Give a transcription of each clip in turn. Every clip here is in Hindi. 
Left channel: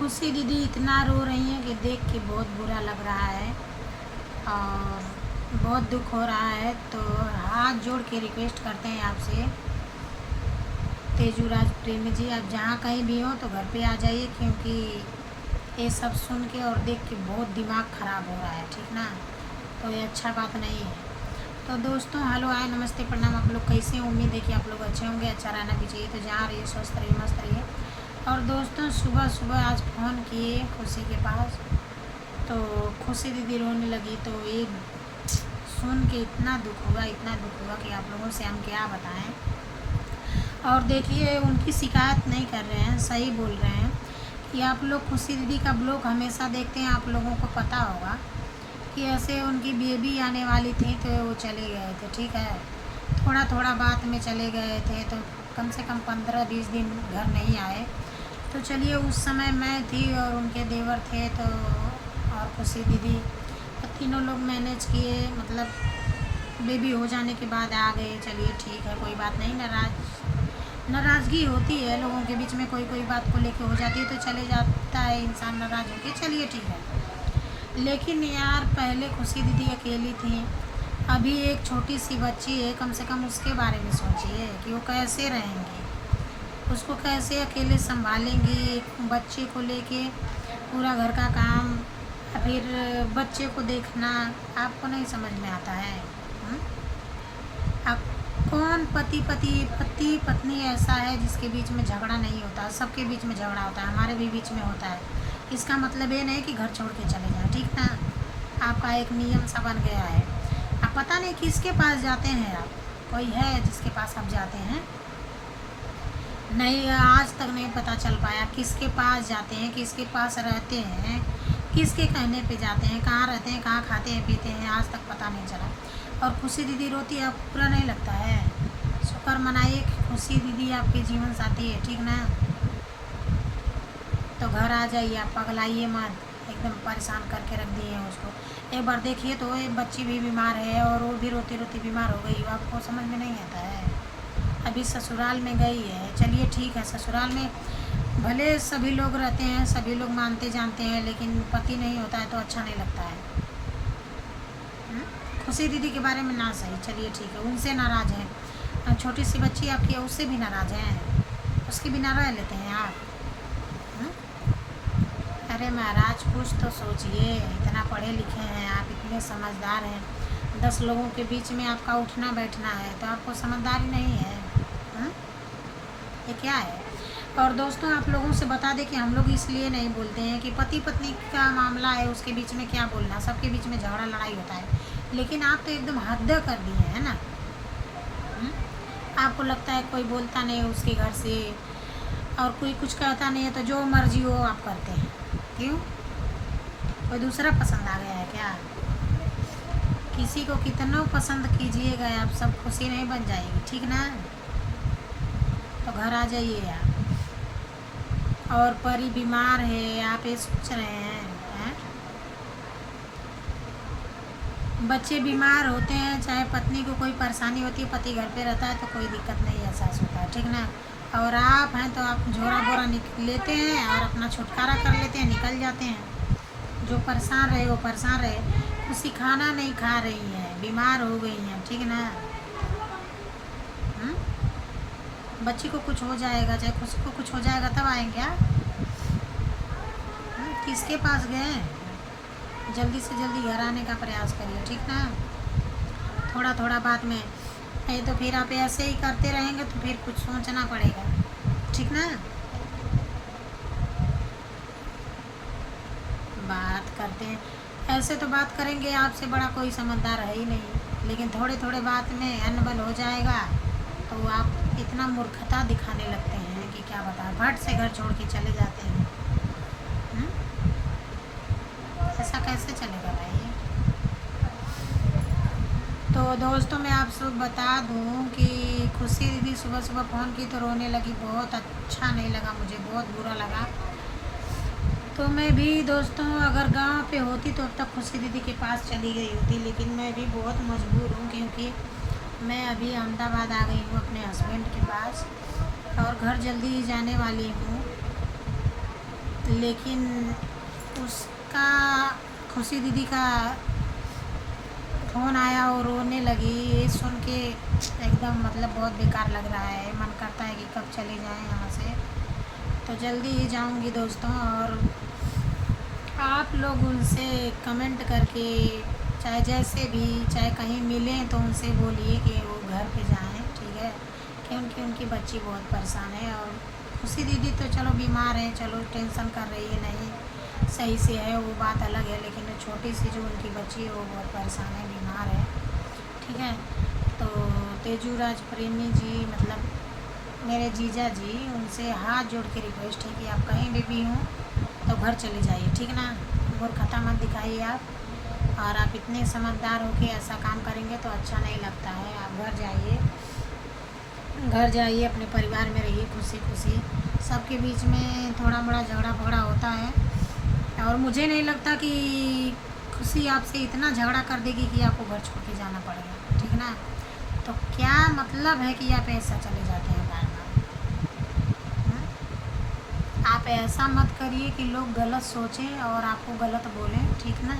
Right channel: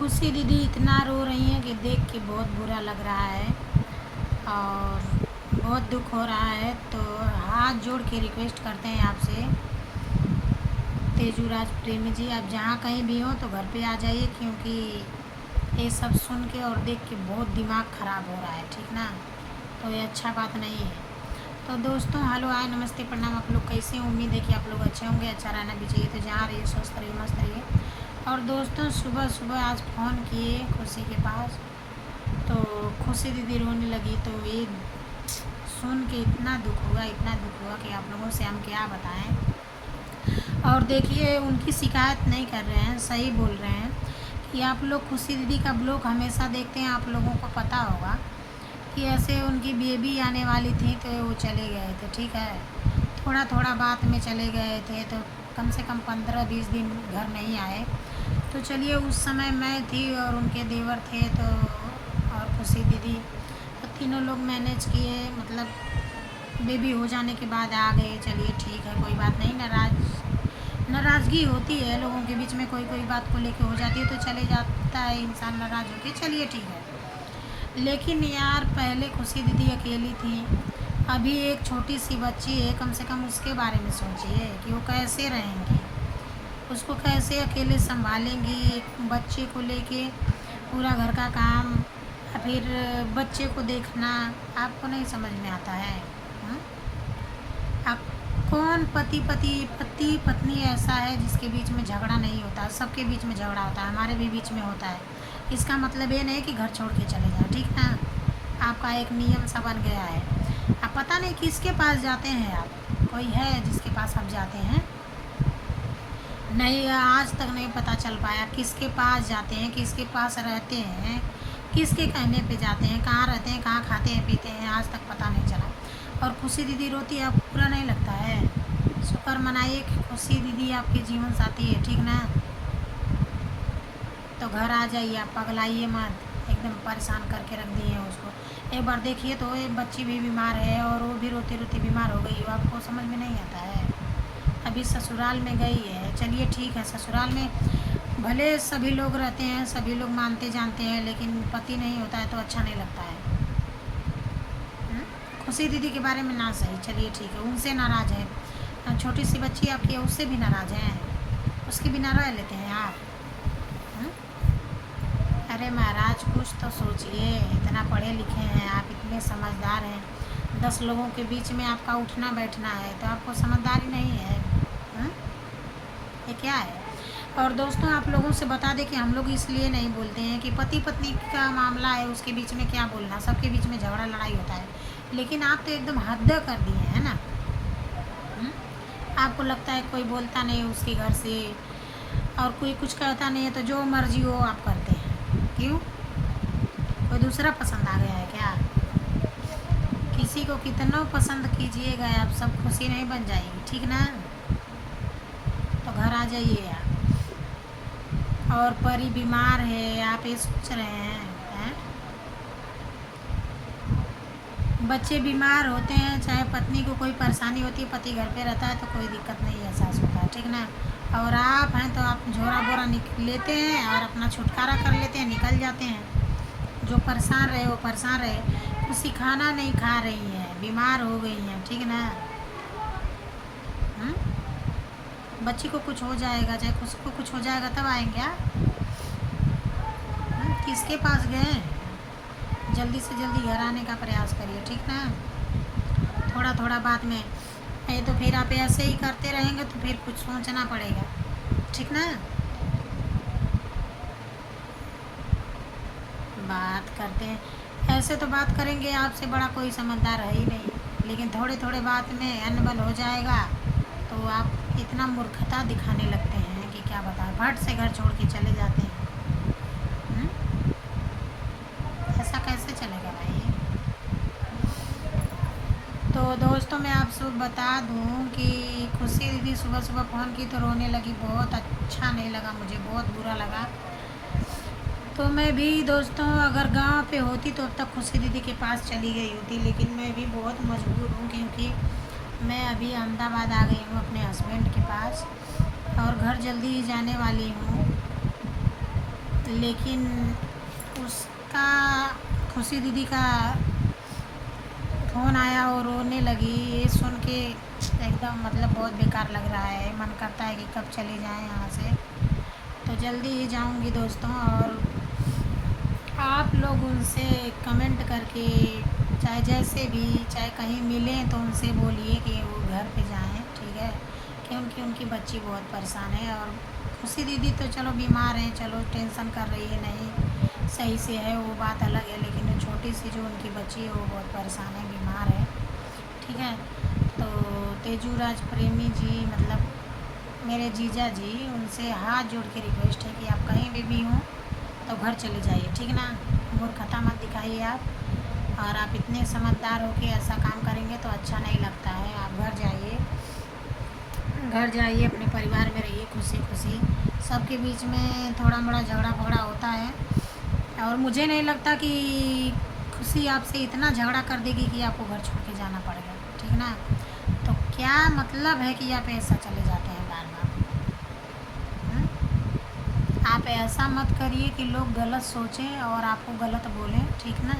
खुशी दीदी इतना रो रही हैं कि देख के बहुत बुरा लग रहा है और बहुत दुख हो रहा है। तो हाथ जोड़ के रिक्वेस्ट करते हैं आपसे, तेजूराज प्रेमी जी, आप जहाँ कहीं भी हो तो घर पे आ जाइए, क्योंकि ये सब सुन के और देख के बहुत दिमाग ख़राब हो रहा है, ठीक ना। तो ये अच्छा बात नहीं है। तो दोस्तों हेलो हाय नमस्ते प्रणाम, आप लोग कैसे हैं? उम्मीद है कि आप लोग अच्छे होंगे, अच्छा रहना भी चाहिए। तो जहाँ रहिए स्वस्थ रहिए, मस्त रहिए। और दोस्तों सुबह सुबह आज फ़ोन किए खुशी के पास, तो खुशी दीदी रोने लगी। तो ये सुन के इतना दुख हुआ कि आप लोगों से हम क्या बताएं। और देखिए उनकी शिकायत नहीं कर रहे हैं, सही बोल रहे हैं कि आप लोग खुशी दीदी का ब्लॉग हमेशा देखते हैं, आप लोगों को पता होगा कि ऐसे उनकी बेबी आने वाली थी तो वो चले गए थे, ठीक है। थोड़ा थोड़ा बात में चले गए थे, तो कम से कम 15-20 दिन घर नहीं आए। तो चलिए उस समय मैं थी और उनके देवर थे, तो और खुशी दीदी, तो तीनों लोग मैनेज किए, मतलब बेबी हो जाने के बाद आ गए। चलिए ठीक है, कोई बात नहीं। नाराज़गी होती है लोगों के बीच में, कोई कोई बात को लेके हो जाती है तो चले जाता है इंसान नाराज़ होके, चलिए ठीक है। लेकिन यार पहले खुशी दीदी अकेली थी, अभी एक छोटी सी बच्ची है, कम से कम उसके बारे में सोचिए कि वो कैसे रहेंगी, उसको कैसे अकेले संभालेंगी। एक बच्चे को लेके पूरा घर का काम, फिर बच्चे को देखना, आपको नहीं समझ में आता है? आप कौन पति पत्नी ऐसा है जिसके बीच में झगड़ा नहीं होता? सबके बीच में झगड़ा होता है, हमारे भी बीच में होता है। इसका मतलब ये नहीं कि घर छोड़ के चले जाए, ठीक ना। आपका एक नियम सा बन गया है। आप पता नहीं किसके पास जाते हैं, आप कोई है जिसके पास आप जाते हैं? नहीं, आज तक नहीं पता चल पाया किसके पास जाते हैं, किसके पास रहते हैं, किसके कहने पे जाते हैं, कहाँ रहते हैं, कहाँ खाते हैं पीते हैं, आज तक पता नहीं चला। और खुशी दीदी रोती है, आपको बुरा नहीं लगता है? शुक्र मनाइए कि खुशी दीदी आपके जीवन साथी है, ठीक ना। तो घर आ जाइए, आप पगलाइए मत, एकदम परेशान करके रख दिए हैं उसको। एक बार देखिए तो एक बच्ची भी बीमार है और वो भी रोती रोती बीमार हो गई, आपको समझ में नहीं आता है? अभी ससुराल में गई है, चलिए ठीक है, ससुराल में भले सभी लोग रहते हैं, सभी लोग मानते जानते हैं, लेकिन पति नहीं होता है तो अच्छा नहीं लगता है। खुशी दीदी के बारे में ना सही, चलिए ठीक है, उनसे नाराज़ हैं। छोटी सी बच्ची आपकी है, उससे भी नाराज़ हैं, उसके बिना रह लेते हैं आप? अरे महाराज कुछ तो सोचिए, इतना पढ़े लिखे हैं आप, इतने समझदार हैं, 10 लोगों के बीच में आपका उठना बैठना है, तो आपको समझदारी नहीं है? ये क्या है? और दोस्तों आप लोगों से बता दें कि हम लोग इसलिए नहीं बोलते हैं कि पति पत्नी का मामला है, उसके बीच में क्या बोलना, सबके बीच में झगड़ा लड़ाई होता है। लेकिन आप तो एकदम हद कर दिए हैं ना। आपको लगता है कोई बोलता नहीं उसके घर से और कोई कुछ कहता नहीं है, तो जो मर्जी हो आप करते हैं, क्यों? कोई दूसरा पसंद आ गया है क्या? किसी को कितना पसंद कीजिएगा आप, सब खुशी नहीं बन जाएगी, ठीक ना। तो घर आ जाइए आप। और परी बीमार है, आप ये सोच रहे हैं? बच्चे बीमार होते हैं, चाहे पत्नी को कोई परेशानी होती है, पति घर पे रहता है तो कोई दिक्कत नहीं एहसास होता है, ठीक ना। और आप हैं तो आप झोरा बोरा लेते हैं और अपना छुटकारा कर लेते हैं, निकल जाते हैं। जो परेशान रहे वो परेशान रहे, खुशी खाना नहीं खा रही है, बीमार हो गई हैं, ठीक ना। बच्ची को कुछ हो जाएगा, चाहे खुशी को कुछ हो जाएगा, तब आएंगे आप? किसके पास गए? जल्दी से जल्दी घर आने का प्रयास करिए, ठीक ना। थोड़ा थोड़ा बात में, नहीं तो फिर आप ऐसे ही करते रहेंगे तो फिर कुछ सोचना पड़ेगा, ठीक ना। बात करते हैं ऐसे, तो बात करेंगे, आपसे बड़ा कोई समझदार है ही नहीं, लेकिन थोड़े थोड़े बात में अनबल हो जाएगा तो आप इतना मूर्खता दिखाने लगते हैं कि क्या बताएं, फट से घर छोड़ के चले जाते हैं। ऐसा कैसे चलेगा भाई? तो दोस्तों मैं आप सब बता दूं कि खुशी दीदी सुबह सुबह फ़ोन की तो रोने लगी, बहुत अच्छा नहीं लगा, मुझे बहुत बुरा लगा। तो मैं भी दोस्तों अगर गांव पे होती तो अब तक खुशी दीदी के पास चली गई होती, लेकिन मैं भी बहुत मजबूर हूँ, क्योंकि मैं अभी अहमदाबाद आ गई हूँ अपने हस्बैंड के पास और घर जल्दी ही जाने वाली हूँ। लेकिन उसका खुशी दीदी का फ़ोन आया और रोने लगी। ये सुन के एकदम मतलब बहुत बेकार लग रहा है। मन करता है कि कब चले जाएं यहाँ से। तो जल्दी ही जाऊंगी दोस्तों। और आप लोग उनसे कमेंट करके, चाहे जैसे भी, चाहे कहीं मिलें तो उनसे बोलिए कि वो घर पे जाएं, ठीक है। क्योंकि उनकी बच्ची बहुत परेशान है। और खुशी दीदी तो चलो बीमार है, चलो टेंशन कर रही है, नहीं सही से है वो बात अलग है। लेकिन वो छोटी सी जो उनकी बच्ची है वो बहुत परेशान है, बीमार है, ठीक है। तो तेजूराज प्रेमी जी, मतलब मेरे जीजा जी, उनसे हाथ जोड़ के रिक्वेस्ट है कि आप कहीं भी हों तो घर चले जाइए, ठीक ना। मूर्खता मत दिखाइए आप। और आप इतने समझदार हो के ऐसा काम करेंगे तो अच्छा नहीं लगता है। आप घर जाइए, घर जाइए, अपने परिवार में रहिए खुशी खुशी। सबके बीच में थोड़ा मोड़ा झगड़ा फगड़ा होता है। और मुझे नहीं लगता कि खुशी आपसे इतना झगड़ा कर देगी कि आपको घर छोड़ के जाना पड़ेगा, ठीक ना। तो क्या मतलब है कि आप ऐसा चले जाते हैं बार बार। आप ऐसा मत करिए कि लोग गलत सोचें और आपको गलत बोलें, ठीक ना।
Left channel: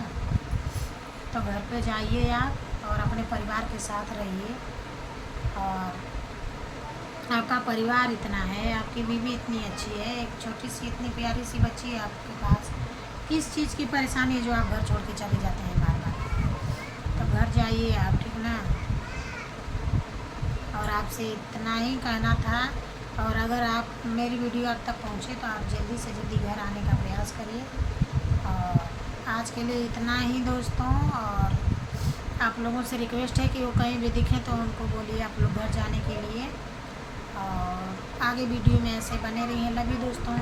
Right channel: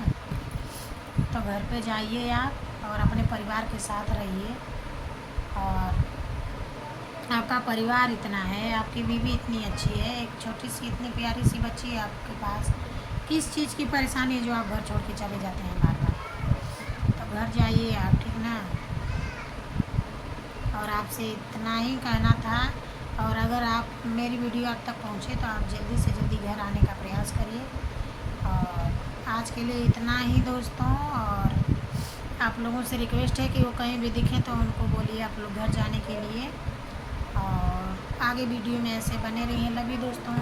तो घर पे जाइए आप और अपने परिवार के साथ रहिए। और आपका परिवार इतना है, आपकी बीवी इतनी अच्छी है, एक छोटी सी इतनी प्यारी सी बच्ची है आपके पास। किस चीज़ की परेशानी है जो आप घर छोड़ के चले जाते हैं बार बार। तो घर जाइए आप, ठीक ना। और आपसे इतना ही कहना था। और अगर आप मेरी वीडियो आप तक पहुँचे तो आप जल्दी से जल्दी घर आने का प्रयास करिए। और आज के लिए इतना ही दोस्तों। और आप लोगों से रिक्वेस्ट है कि वो कहीं भी दिखें तो उनको बोलिए आप लोग घर जाने के लिए। और आगे वीडियो में ऐसे बने रहिए। लव यू दोस्तों।